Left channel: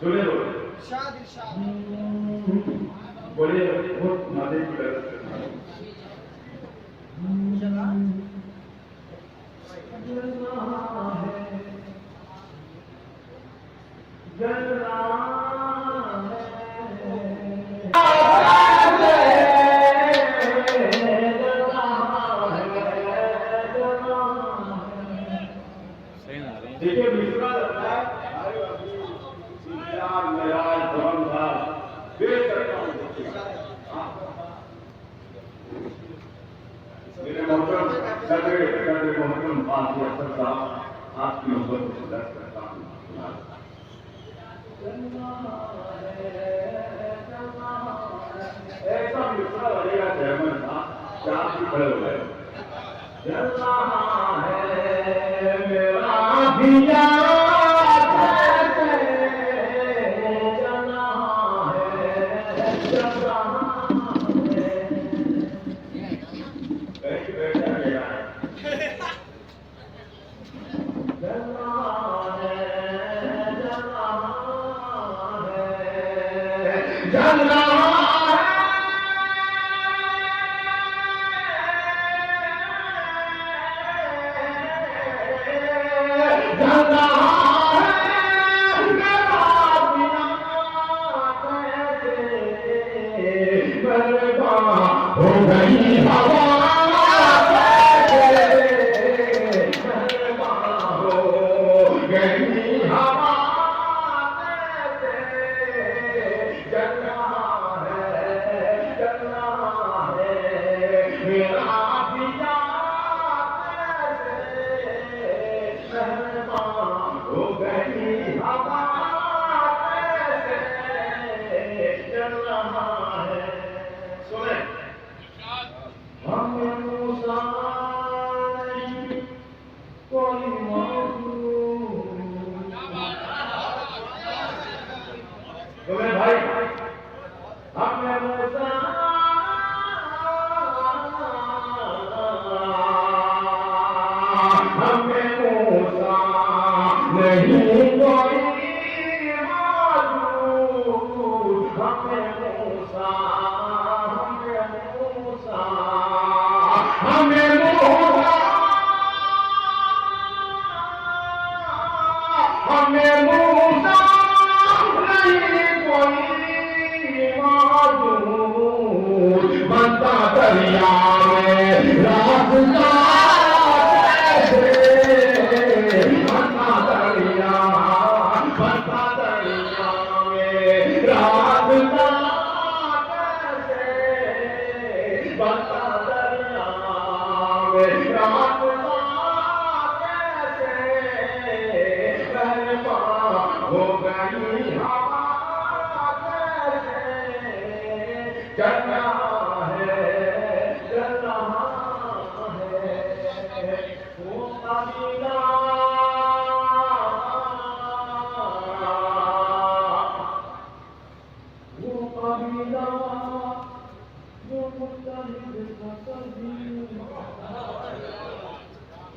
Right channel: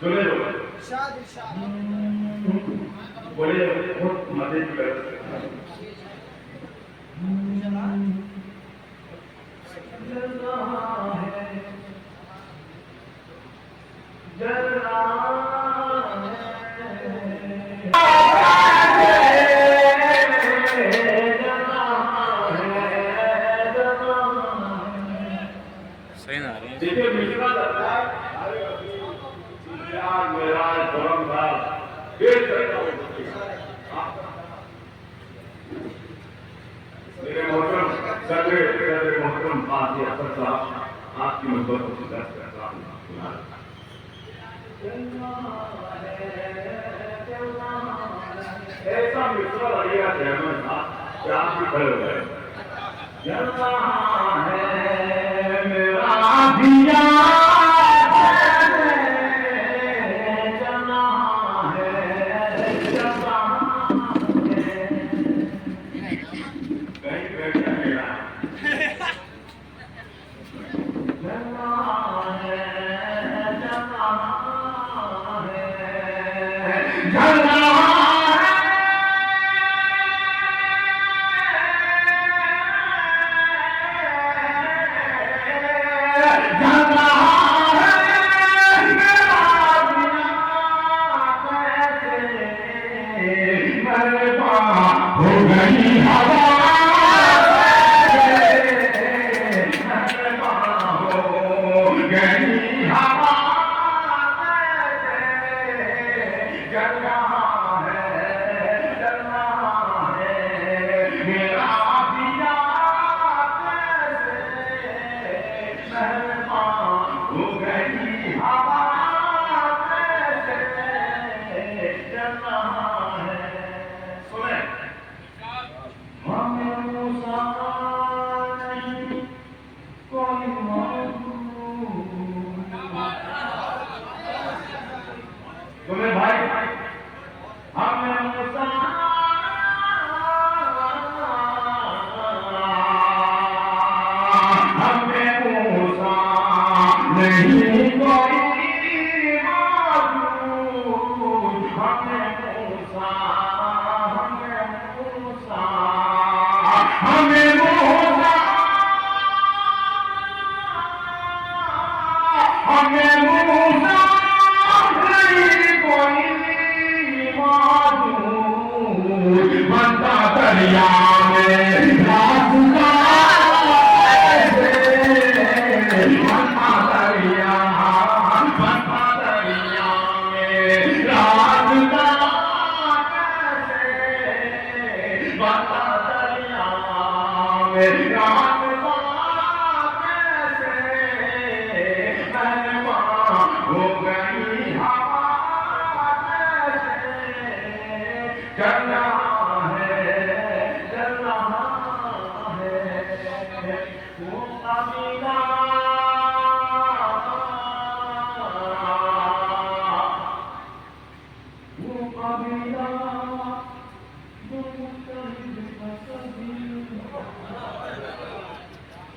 सुने लो इरशाद इरशाद बोले बहुत मजे की बात चला सही ना आ रही है। जिसे मिश्रा लगता है मेरा गरम था ये मेरे मोहतरम सदर मोहतरम पासी अफसर साहब आपकी मोहब्बत को दर्ज करता हूँ ऐसा मिश्रा लगेगा चेयरमैन साहब क्या आप भी खड़े हो गए जलवा है मेरा दिया हो गई हवा हो गई हवा चल रहा है मेरा दिया हो गई हवा चल रहा है सुने हमें मूसा नहीं कोई तुम्हें भाई हमें मूसा हमें मूसा नहीं कोई मालूम हमें मूसा हमें मूसा हमें मूसा नहीं कोई मालूम बनता दरिया में रास्ता बनता दरिया में रास्ता बनता दरिया में रास्ता हो गई हवा चलना है वो अमीना वो अमीना वो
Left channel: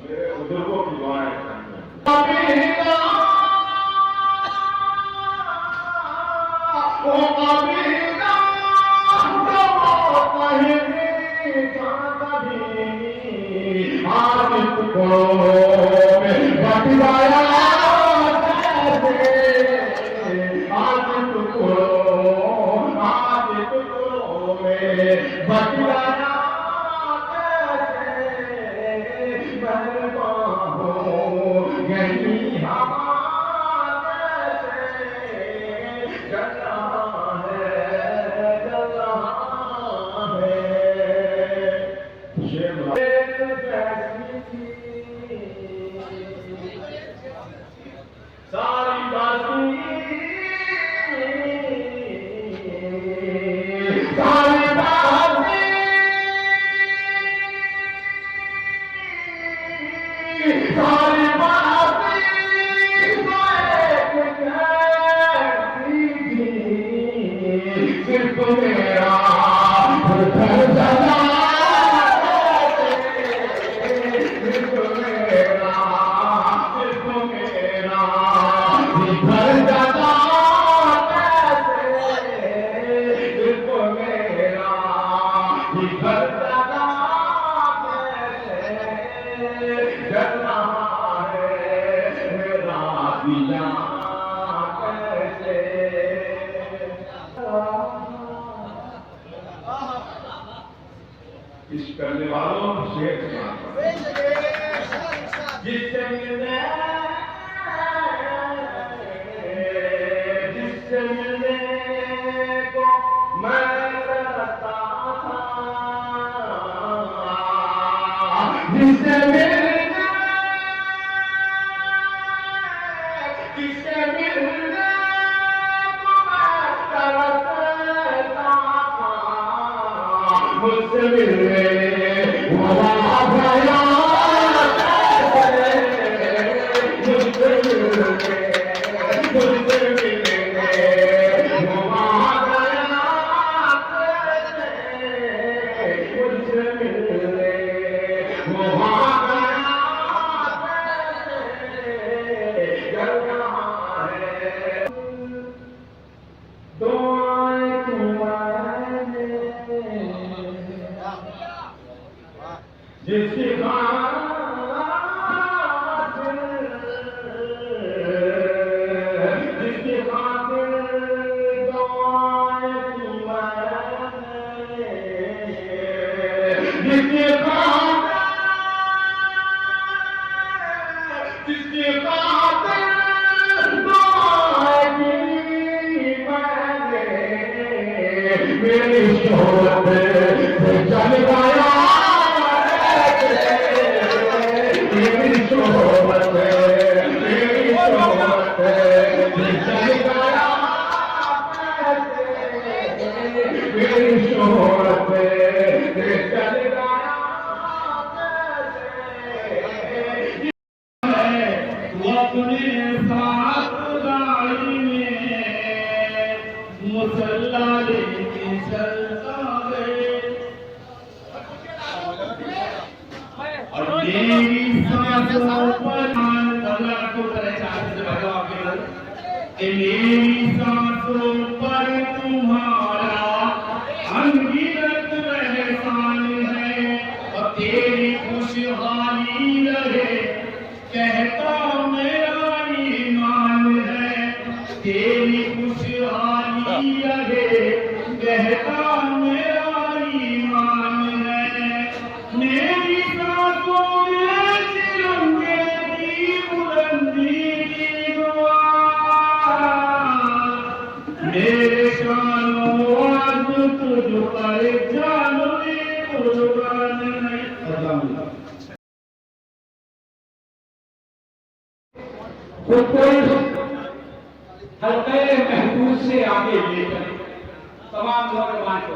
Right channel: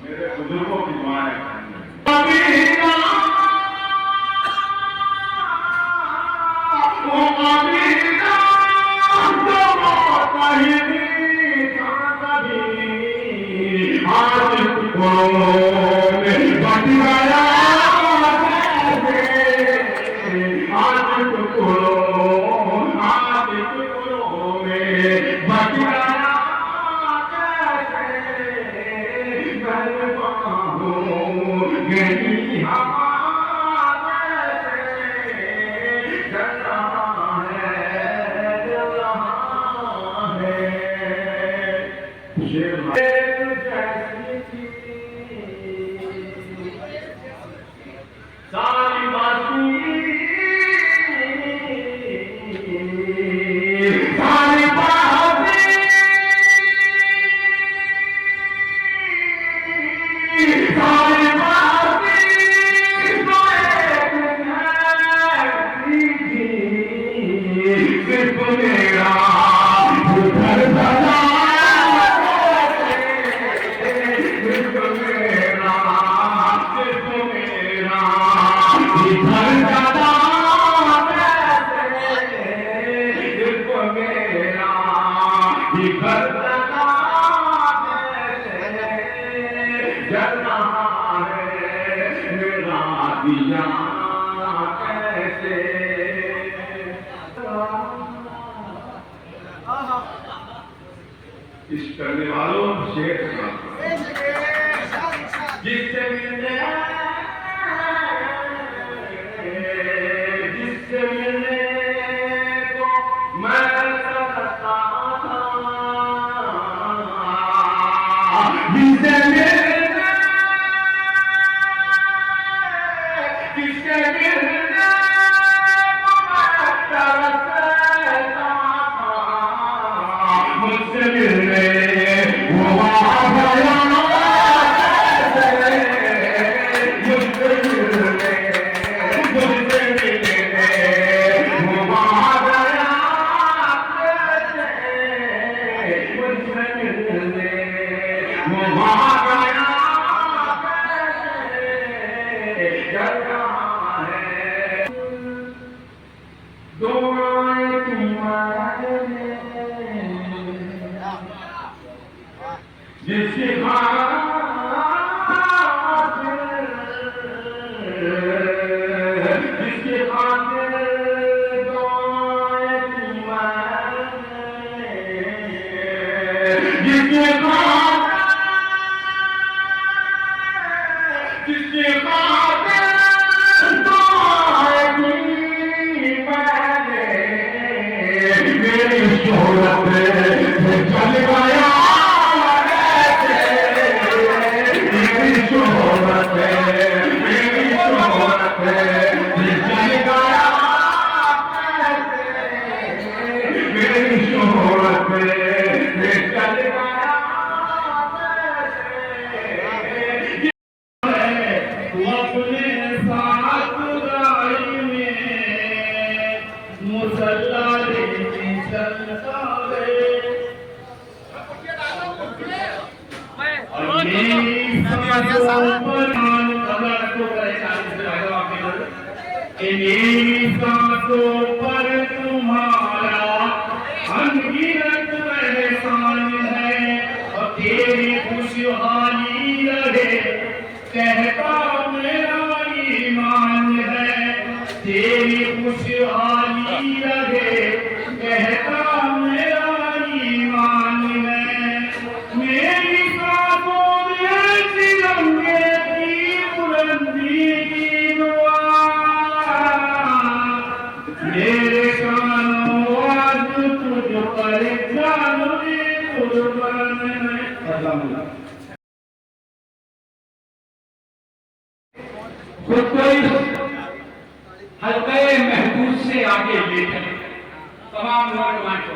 मेरे बुजुर्गों की दुआएं अमीना वो अमीना आज टुकड़ों में बट गया आज टुकड़ों में बट गया गई हवा सारी बातें सारी बातें सारी बातें सिर्फ मेरा घर बना सिर्फ मेरा घर जाना दिया कैसे इस करने वालों शेर जिससे मिलने को मैं तरसता था जिससे मिलने को मैं तरसता था मुझसे मिलने वो आ गया मुझसे मिलने वो आ गया मुझसे मिलने वो आ गया दुआएं तुम्हारे जिसकी खातिर दुआएं तुम्हारे जिसकी मेरी शोहरत चल गया मेरी शोहरत चल गया मेरी शोहरत चल गया अपने साथ गाड़ी में मुसल्ला लेके चलता है और मेरी सांसों पर मेरी सांसों पर तुम्हारा अनगिनत एहसान है और तेरी खुशहाली रहे कहता मेरा ईमान है तेरी खुशहाली रहे कहता मेरा ईमान है मेरी सांसों में तिरंगे की बुलंदी की दुआ मेरे कानों आज तुझ पर जानो कुर्बान है। खुद को इस हल्के महबूब से आगे लेकर तमाम नौजवान को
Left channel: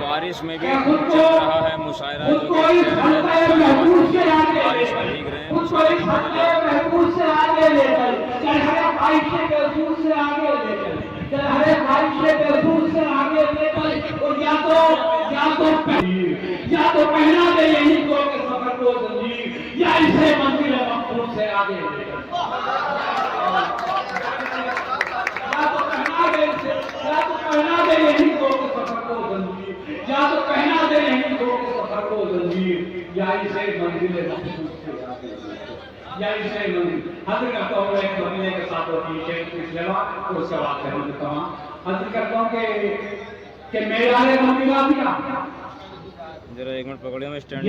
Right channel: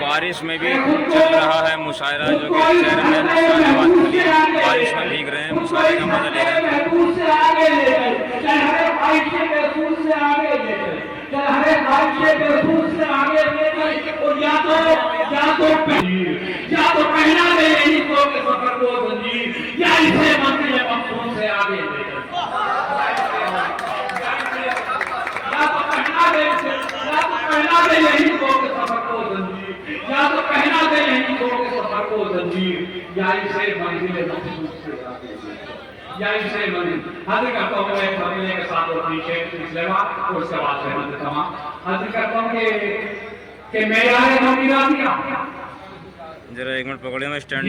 बारिश में भी चल रहा है मुशायरा जो कि चेयरमैन शाहनवाज अली बारिश में भीग रहे हैं मुशायरे का मजा ले रहे हैं महबूब से आगे लेकर हरे भाई से महबूब से आगे लेकर हरे भाई से महबूब से आगे लेकर और या तो पहना दे यही को के सफर को जंजीर या इसे मंजिल मकसूद से आगे लेकर पहना दे यही को के सफर को जंजीर या तो पहना दे यही को के सफर को जंजीर या इसे मंजिल मकसूद से आगे या इसे मंजिल हाजिर करता हूँ एक मदीने के साथ और पीछे पिछले बार उसके बाद से हाजिर करता हूँ कि मेरा ममीरा दिया जरा एक मिनट पकड़िए मैं स्टैंड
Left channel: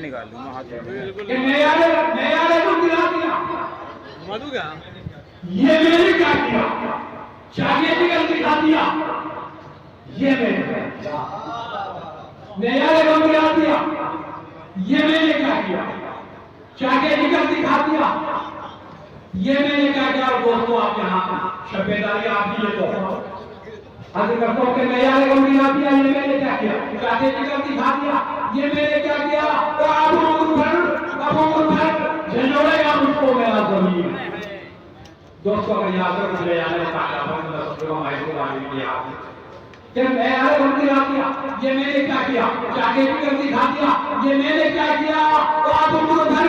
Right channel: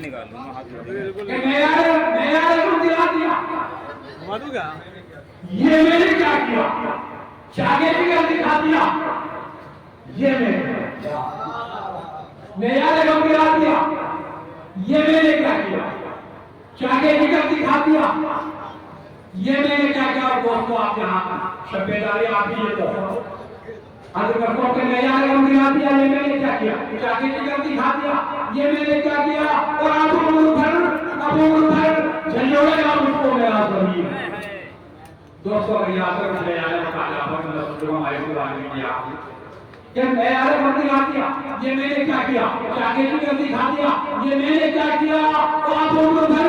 निकाल लूँगा हाथ ये मैंने क्या किया चाहे निकल दिखा दिया ये मैंने गिरा दिया ये मैंने क्या किया चाहे निकल दिखा दिया ये मैंने क्या किया दोस्तों आप यहाँ शब्बेदारी आप ही ये आज करता हूँ कि गिरा दिया ये मैंने क्या किया चाहे निकल दिखा दिया ये मैंने क्या किया और आप झंझोड़ेगा मुझको मेरा जमीन दोस्तों अगर याद रख ले यार जब मैं यार गलती दिखा दिया ये मैंने क्या किया चाके की गलती दिखा दिया ये मैंने क्या किया तो आप उधर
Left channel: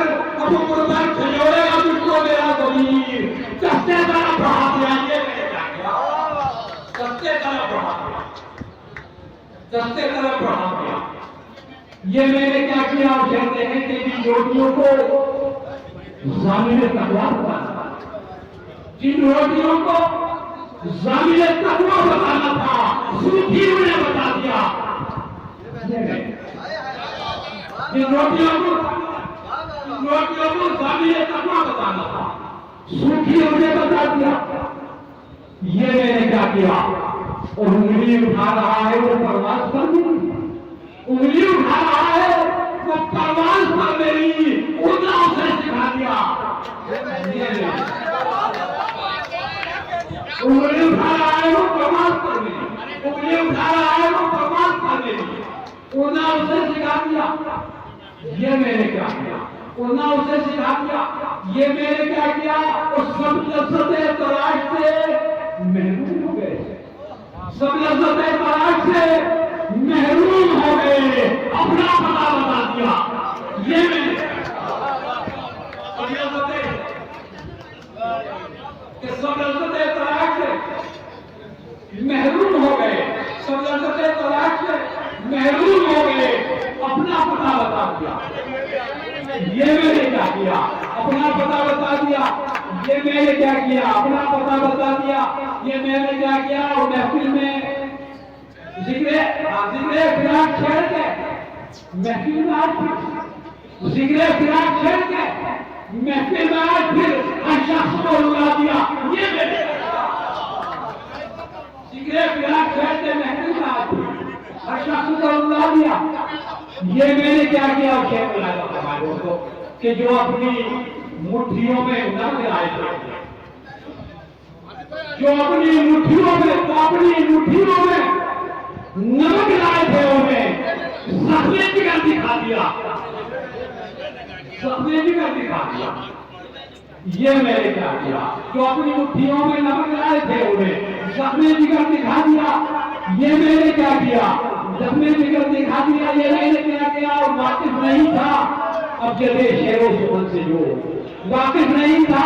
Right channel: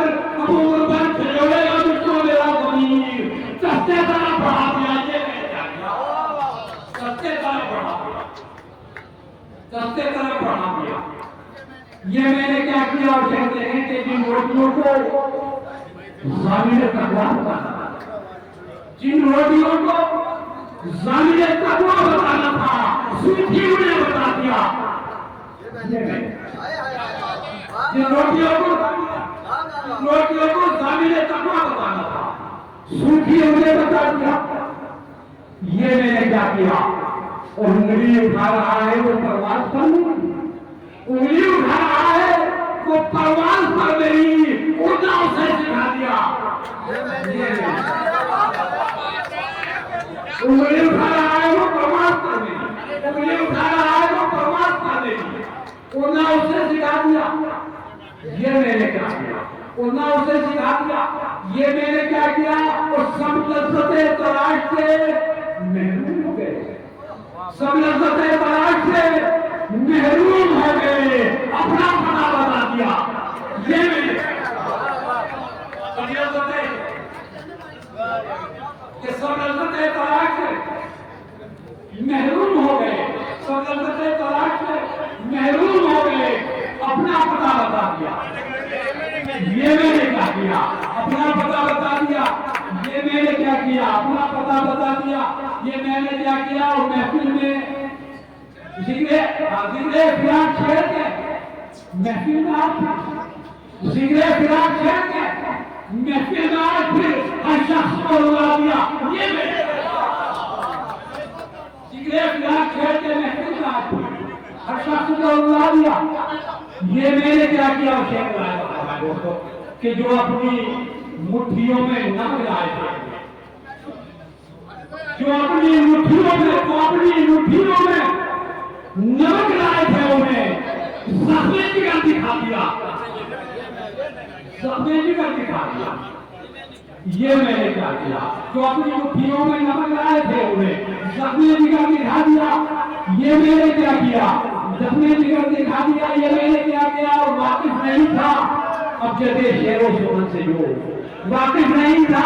झंझोड़ेगा मुझको मेरा जमीन सस्ते तरह बढ़ा दिया ये मैंने क्या किया सस्ते तरह बढ़ा दिया ये मैंने क्या किया आप कहते हैं कि इन मूर्तियों को ज़ामिल तकवा बताना, जिन रोटियों को ज़ामिल तकवा बताना था सूफी उन्हें बता दिया। जिन रोटियों को ज़ामिल तकवा बताना था सूफी उन्हें बता दिया। ये मैंने क्या किया? और उंगली उठा रहा है वो परवाज़ पर नहीं, उंगली उठा रहा है वो परवाज़ पर नहीं, खुदा उसे सिखा दिया। उंगली उठा रहा है वो परवाज़ पर नहीं, उंगली उठा रहा है वो परवाज़ पर नहीं, खुदा उसे सिखा दिया। ये मैंने क्या किया? खुदा उसे सिखा दिया। ये मैंने क्या किया? और सब लज्जतें तलाश से महरूम हो गए, सब लज्जतें तलाश से महरूम हो गए, अपना पता बता दिया। ये मैंने सब लज्जतें तलाश से महरूम हो गए, सब लज्जतें तलाश से महरूम हो गए, अपना पता बता दिया। ये मैंने क्या किया? अपना पता बता दिया। ये मैंने क्या किया? अपना पता बता दिया। ये मैंने क्या किया? और महफिल में जिक्र फिराक छेड़ के महफिल में आज जिक्र फिराक छेड़ के महफिल में आज फिर हर शख्स को रुला दिया। ये मैंने जिक्र फिराक छेड़ के महफिल में आज फिर हर शख्स को रुला दिया। ये मैंने क्या किया? शेख बनाया दोस्तों कि जो अपनी मुट्ठियों में नम लाए थे, जो अपनी मुट्ठियों में नमक लाए थे, उन्हें सपने जिगर दिखा दिया, सपने जिगर दिखा दिया। ये मैंने क्या किया? जो अपनी मुट्ठियों में नमक लाए थे, उन्हें सपने जिगर दिखा दिया। ये मैंने क्या किया? सपने जिगर दिखा दिया। ये मैंने क्या किया? और वाकिफ नहीं था अब चले शेरों सुमन से, जो वाकिफ नहीं था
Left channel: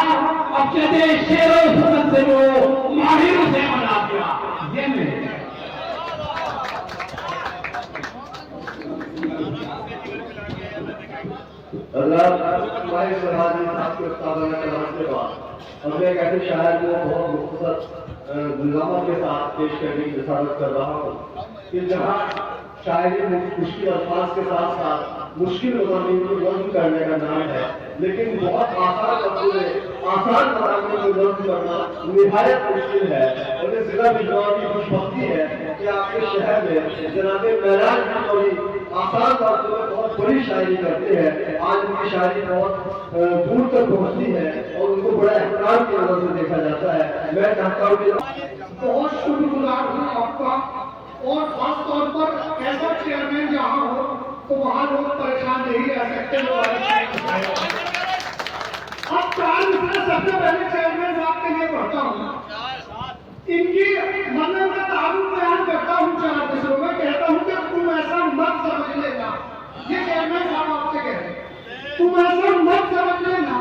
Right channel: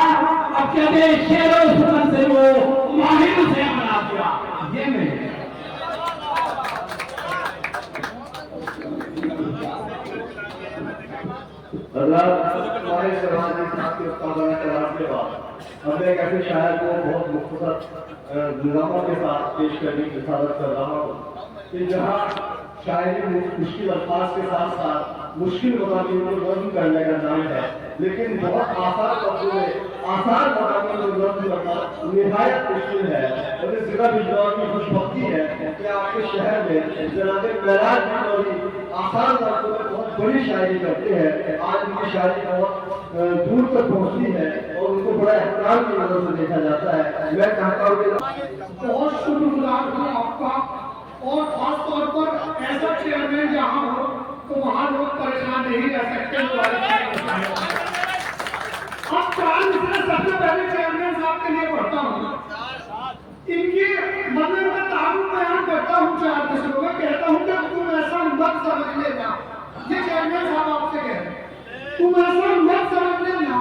अब चले शेरों सुमन से, जो माहिर से बना दिया। ये मैंने अल्लाह हमारे शहबाजी साहब के उस्तादाना कलाम के बाद हमने एक ऐसे शायर को बहुत मुख्तसर निज़ामों के साथ पेश करने की रिसालत कर रहा हूँ कि जहाँ शायरी मुश्किल अल्फाज के साथ साथ मुश्किल मज़ामीन को नज़्म करने का नाम है, लेकिन बहुत आसान मज़ामीन को नज़्म करना निहायत मुश्किल है। और इस ज़िला बिजनौर की खुशबख्ती है कि आपके शहर में जनाब महराज बिजनौरी आसान बातों में बहुत बड़ी शायरी करते हैं। आज उनकी शायरी बहुत दूर तक पहुँचती है और उनको बड़ा एहतराम की नज़र से देखा जाता है। मैं चाहता हूँ कि बहुत शुक्रगुजार हूँ आपका, और खास तौर पर ऐसा चेयरमैन जहाँ हो तो वहाँ लोग परेशान नहीं रह सकते। अब 4 मिसरे सबसे पहले चेयरमैन साहब के लिए पढ़ता हूँ। इनकी मतलब मैं तारुफ बयान करता हूँ 4 मिसरों में, कहता हूँ कि तुम ऐसा मत समझ लेना, ये चेयरमैन साहब आपसे कह रहे हैं, तुम ऐसा मत समझ लेना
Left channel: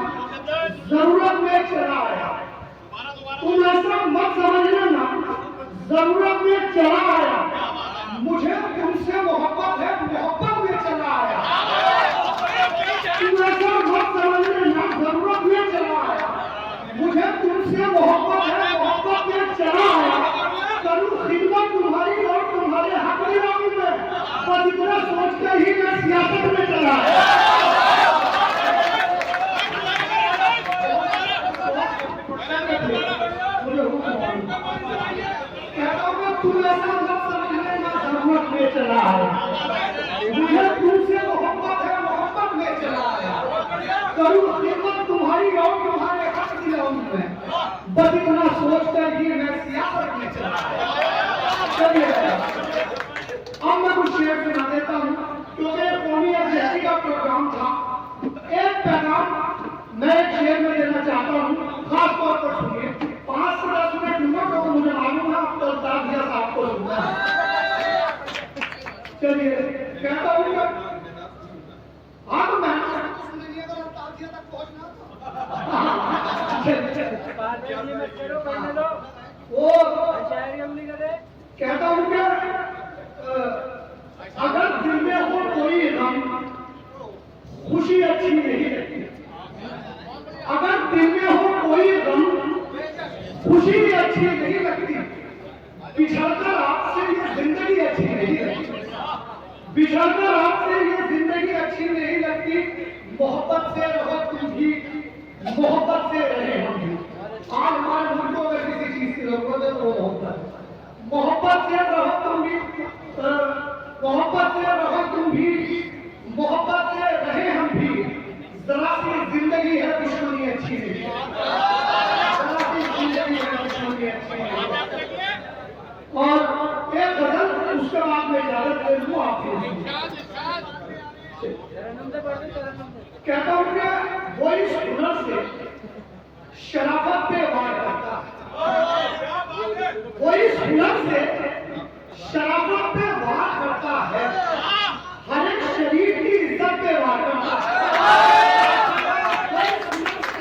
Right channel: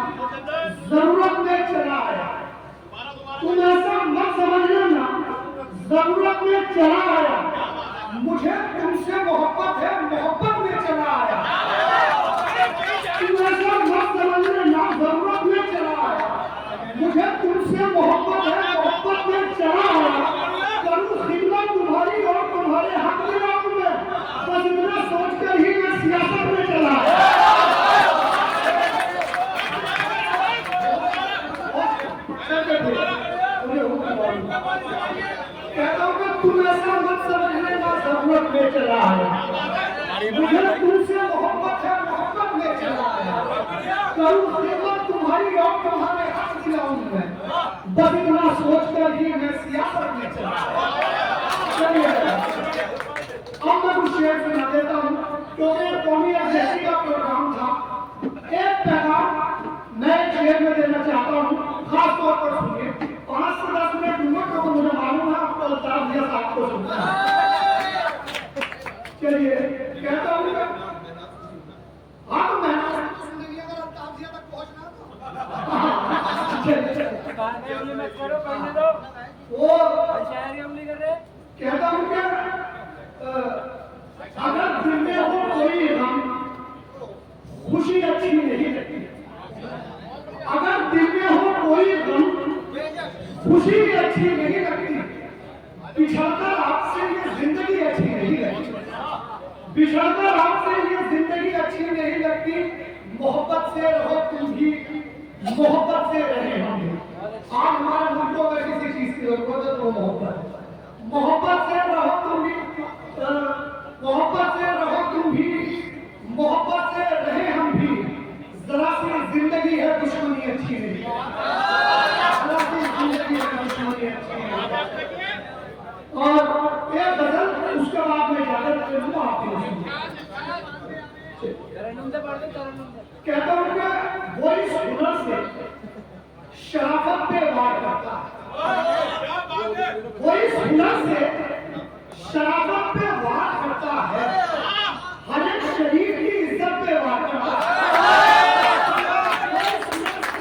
जरूरत में चला आया, तुम ऐसा मत समझ लेना जरूरत में चला आया, मुझे तुमसे मोहब्बत है, मोहब्बत में चला आया। तुम ऐसा मत समझ लेना जरूरत में चला आया, मुझे तुमसे मोहब्बत है, मोहब्बत में चला आया। करूँ खिदमत तुम्हारी और तुम्हारे हक में रहूं मैं, बस इतना सोचकर ही मैं सियासत में चला आया। तुम ऐसा मत समझ लेना जरूरत में चला आया, मुझे तुमसे मोहब्बत है, मोहब्बत में चला आया। करूँ खिदमत तुम्हारी और तुम्हारे हक दिलाऊं मैं, बस इतना सोचकर ही मैं सियासत में चला आया। चलिए अब मैं कुछ शेयर सुना देता हूँ, क्योंकि कौमी अध्यक्ष का प्रोग्राम था। एक पैगाम मैं एक शेयर में देना चाहता हूँ, खास तौर पर सुनिए। 5 से 10 मिनट लूंगा तो मुझे मालूम है अब कल ताज़िया साहब को सुनना है। चलिए कहता हूँ हाँ तो मैं ताज़िया तक पहुँचना कहता हूँ क्या अगर दिल में हो कोई गम खुशी अच्छी नहीं लगती, अगर दिल में हो कोई गम, खुशी भी अच्छी नहीं लगती, बिछड़कर आपसे ये जिंदगी अच्छी नहीं लगती, बिछड़कर आपसे ये जिंदगी अच्छी नहीं लगती। मोहब्बत से रहो तुम भी, मोहब्बत से रहे हम भी। आज हमारे मुल्क को अगर किसी चीज की जरूरत है तो मोहब्बत है। मोहब्बत से रहो तुम भी, मोहब्बत से रहो तुम भी, मोहब्बत से रहे हम भी। जरा सी जिंदगी है दुश्मनी अच्छी नहीं, जरा सी जिंदगी है दुश्मनी अच्छी नहीं। और एक गजल उसके बाद में इजाजत ले लूं आपकी। कहता हूं कि वो इस हुनर से शराफत पे वार करता है, वो इस हुनर से शराफत पे वार करता है, हर एक शरीर की इज्जत पे वार करता है,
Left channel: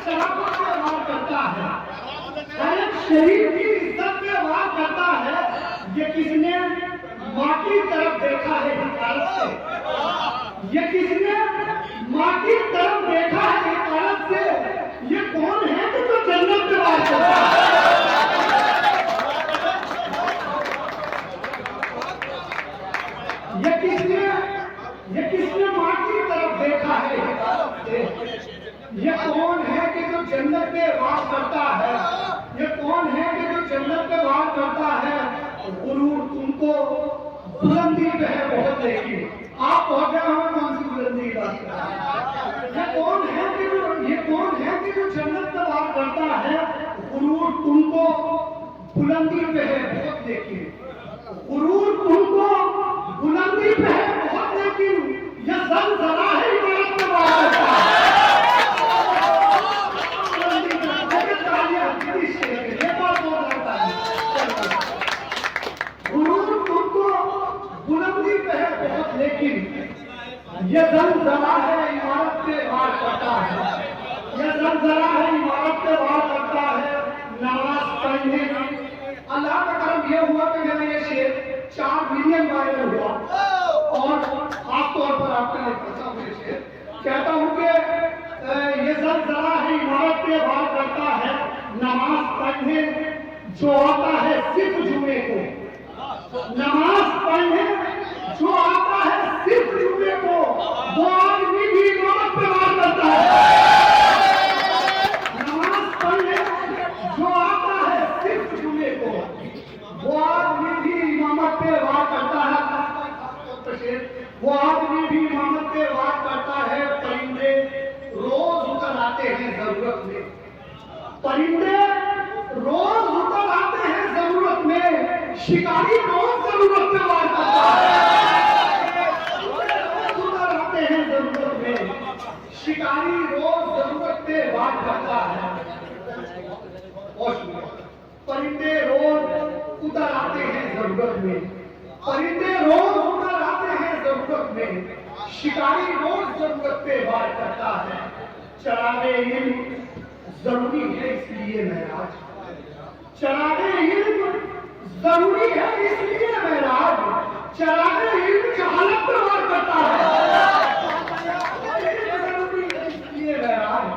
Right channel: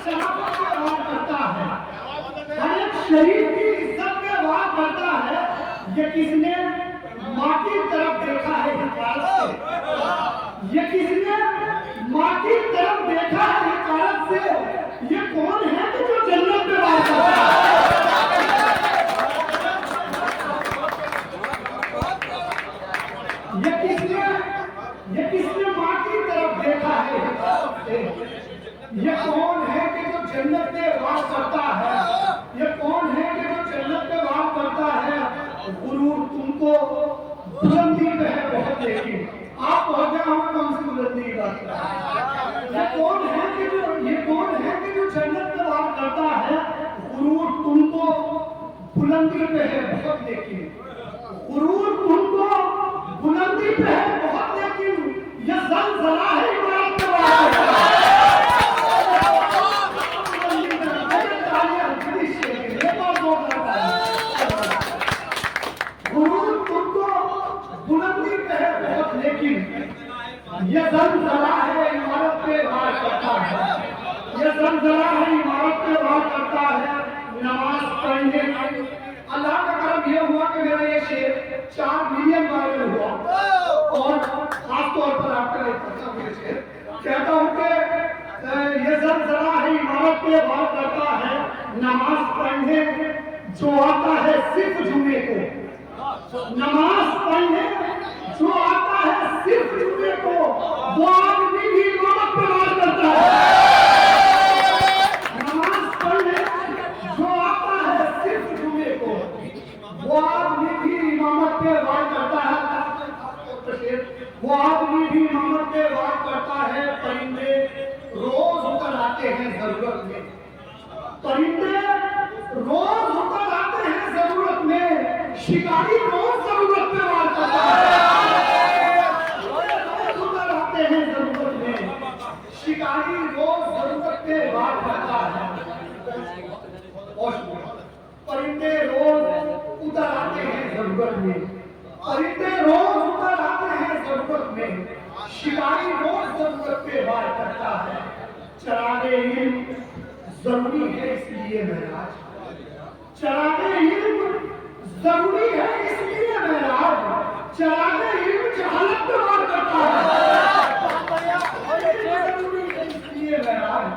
शराफत पे वार करता है, हर एक शरीर की इज्जत पे वार करता है। ये किसने माँ की तरफ देखा है हिकारत से, ये किसने माँ की तरफ देखा है हिकारत से। ये कौन है कि जो जन्नत पे वार करता है? ये किसने माँ की तरफ देखा है हिकारत से? ये कौन है कि जो जन्नत पे वार करता है? ये कौन है कि जो जन्नत पे वार करता है? गुरूर तुमको बुलंदी पे है बहुत, लेकिन आप पहुंचे हमें कौन सी बुलंदी बात। ये कौन है कि जो जन्नत पे वार करता है? गुरूर तुमको बुलंदी पे है बहुत, लेकिन गुरूर तुमको बुलंदी पे है बहुत, लेकिन ये ज़लज़ला है इमारत पे वार करता है। बुलंदी पे है बहुत, लेकिन ये ज़लज़ला है इमारत पे वार करता है, ये ज़लज़ला है इमारत पे वार करता है। नमाज पढ़ने, अल्लाह का करम ये हुआ कि मेरा ये शेर 4 मिलियन वायरल हुआ, और खास तौर पर आपके लिए कहता हूँ ये शेर, कहता हूँ कि ये ज़लज़ला है इमारत पे वार करता है। नमाज पढ़ने जो आता है सिर्फ जुमे को, नमाज पढ़ने जो आता है सिर्फ जुमे को, वो आदमी भी इमामत पे वार करता है। नमाज पढ़ने जो आता है सिर्फ जुमे को, वो आदमी भी इमामत पे वार करता है, वो आदमी भी इमामत पे वार करता है। परिंदे रोज उतर आते हैं जरूरत में, परिंदे रोज उतर आते हैं जरूरत में, शिकारी रोज जरूरत में वार करता है, रोज उतर आते हैं जरूरत में, शिकारी रोज जरूरत में वार करता है। परिंदे रोज उतर आते हैं जरूरत में, परिंदे रोज उतर आते हैं जरूरत में, शिकारी रोज जरूरत पे वार करता है। चरागे इल्म जरूरी है इसलिए महराज, चरागे इल्म जरूरी है इसलिए महराज, चरागे इल्म जहालत पे वार करता है, जरूरी है इसलिए महराज,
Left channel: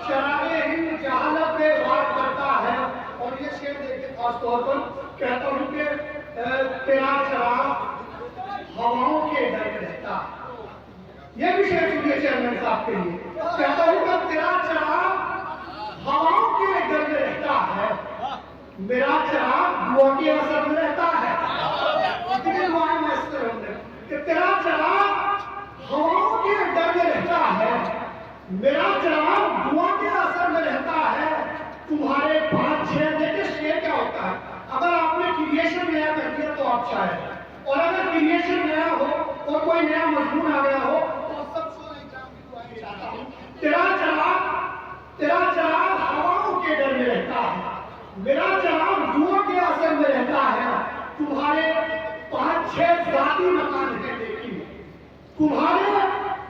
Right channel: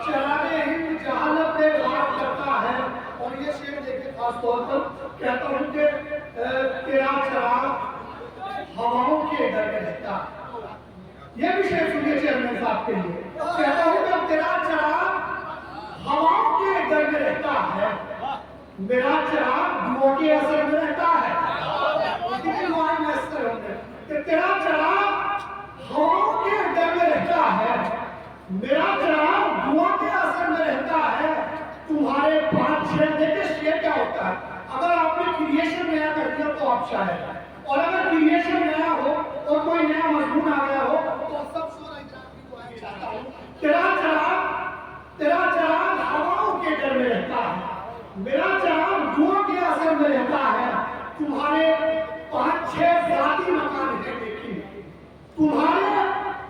चरागे इल्म जहालत पे वार करता है। और ये शेर देखिए खास तौर पर, कहता हूँ कि तेरा चराग हवाओं के डर में रहता, ये भी शेर सुनिए चेयरमैन साहब के लिए। कहता हूँ कि तेरा चराग हवाओं के डर में रहता है, मेरा चराग दुआ के असर में रहता है। कि तेरा चराग हवाओं के डर में रहता है, मेरा चराग दुआ के असर में रहता है। तुम्हारे 5-6 देखिए शेर क्या होता है, अगर आपने क्रिएशन नया कर दिया तो आप शायद, और अगर क्रिएशन नया हो और कोई नया मजमून आ गया हो तो सब तेरा चराग हवाओं के डर में रहता है, मेरा चराग दुआ के असर में रहता है। तुम्हारे 5-6 जाती मकान है, लेकिन तुम्हारे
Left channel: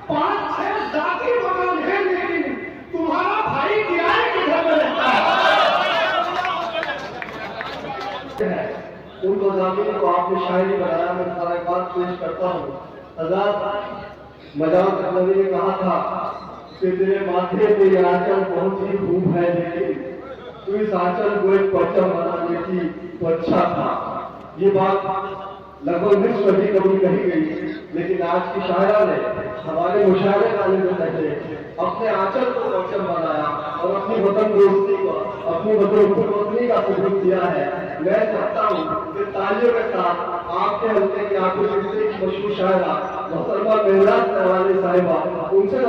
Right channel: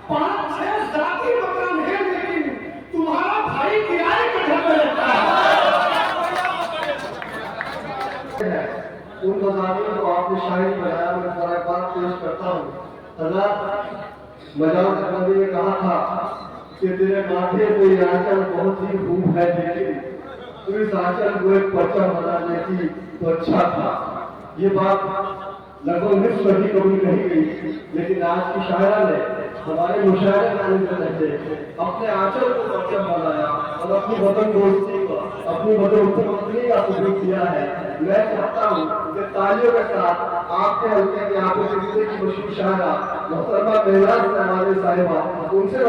5-6 जाती मकान है, लेकिन तुम्हारा भाई किराए के घर में रहता है। उन मज़ामीन को आपने शायरी बनाया, मैं सारा बात पेश करता हूँ। हज़रत मजाद नबी ने कहा था कि तेरे माथे पे ये आंचल बहुत ही खूब है, लेकिन तू इस आंचल को एक पर्चा बना लेती तो अच्छा था। ये बात लगभग निष्ठ सदी कभी कही गई, लेकिन आज की शायरा ने हमारे मुशायरे वाले जो लगे अपने आंचल को परचम बनाया और अपनी वतन दोस्ती को, अपनी वतन पत्नी का सबूत दिया है। मैं चाहता हूँ कि तालियों के साथ आपके हल्के की आपको की मशहूर शायरा मोहतरमा मेहराज साहिबा उनसे